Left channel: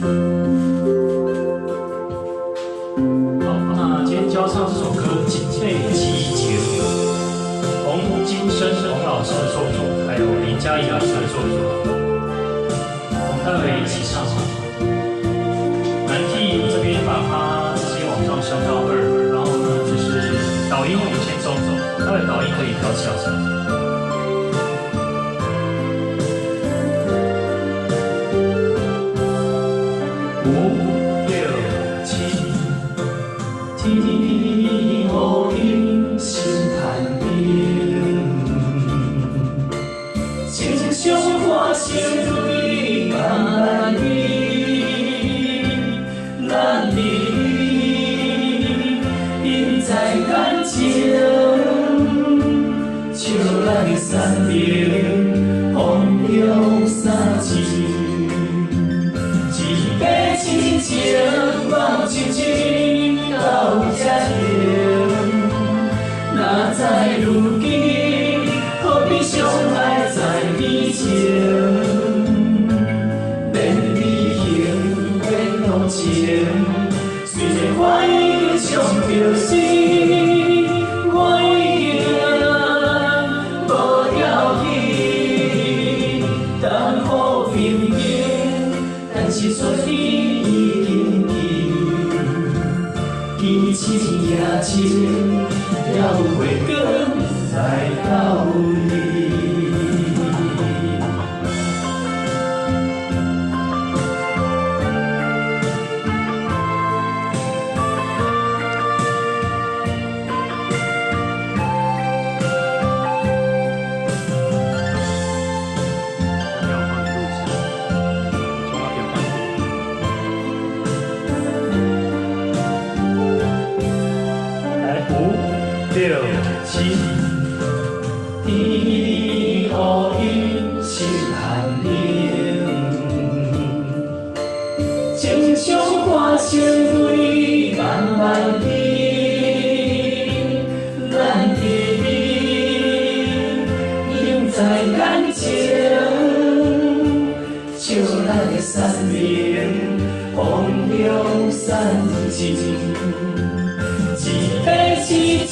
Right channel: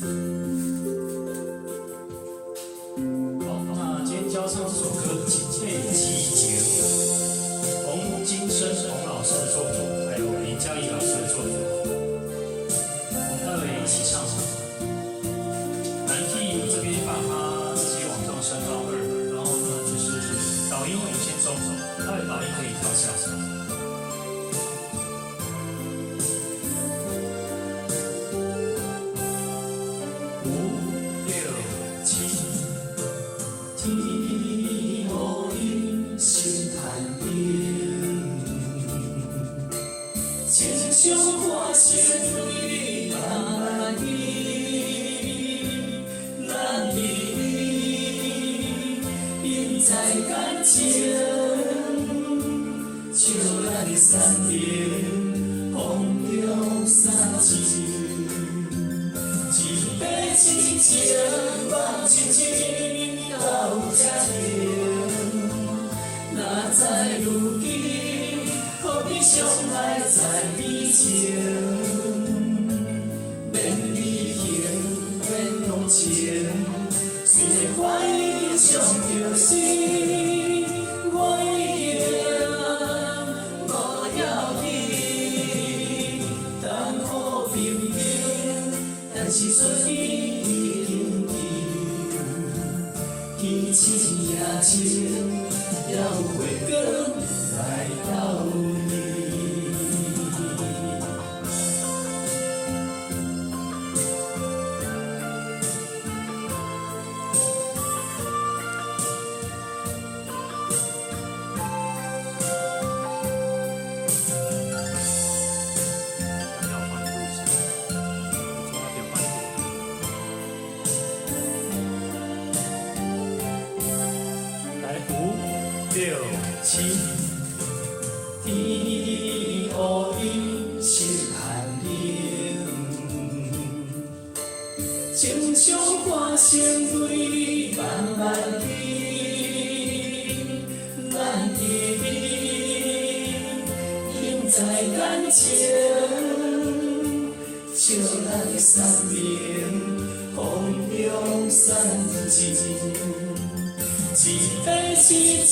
好，那今天教唱这首歌《警备激情》，洪金生洪老师的作品，还有林嘉怡老师的作品，我们待会一起唱。男 key 这边把它直接往上升到2，然后呢就是导音我们先走，待会导音可以调小。5、6、7，天雨阴心寒冷，情伤化成泪慢慢流，咱离因在感情，笑咱的山明风中三季。亲情望亲情到这样，哪知如今何必相爱在以前？变离形变同情，虽然我已经伤着心，我已经无要紧，等好平平，但是说你。天星夜静，了月光来到你。5、6、7，天雨阴心寒冷，情伤化成泪慢慢流，咱的美永在感情，笑咱的山明风中散尽。一杯痴情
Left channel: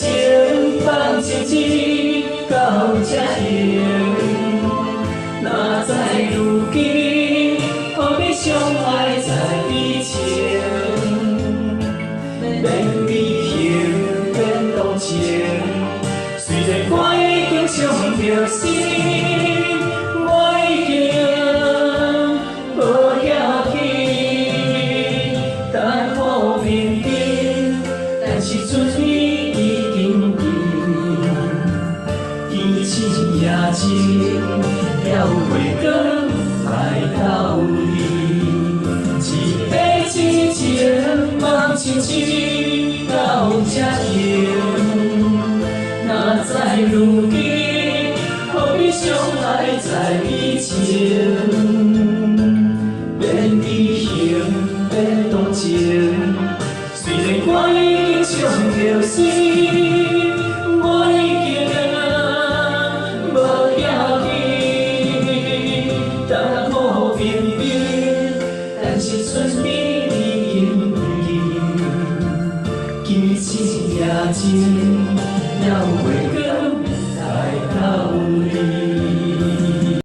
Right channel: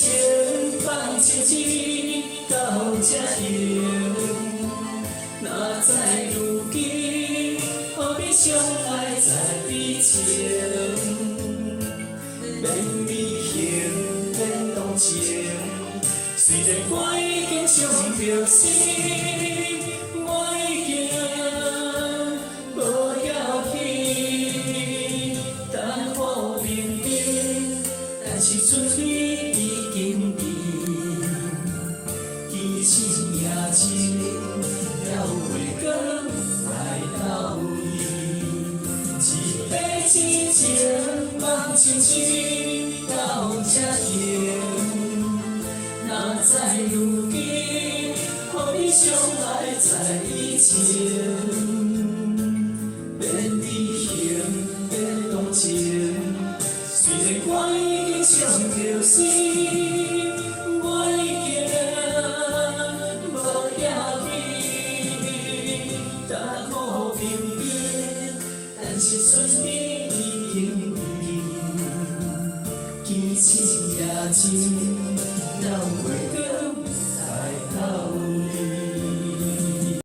放情情到这样，哪知如今何必相爱在以前？变离形变同情，虽然我已经伤着心，我已经无要紧，等好平平。是春雨已经停，天星夜静，了月光来到你。一杯痴情望亲情到这样，哪知如今何必相爱在以前？变离形变同情，虽然我已经伤着心，我已经无要紧，等好平平，但是春雨已经不见，天星夜静。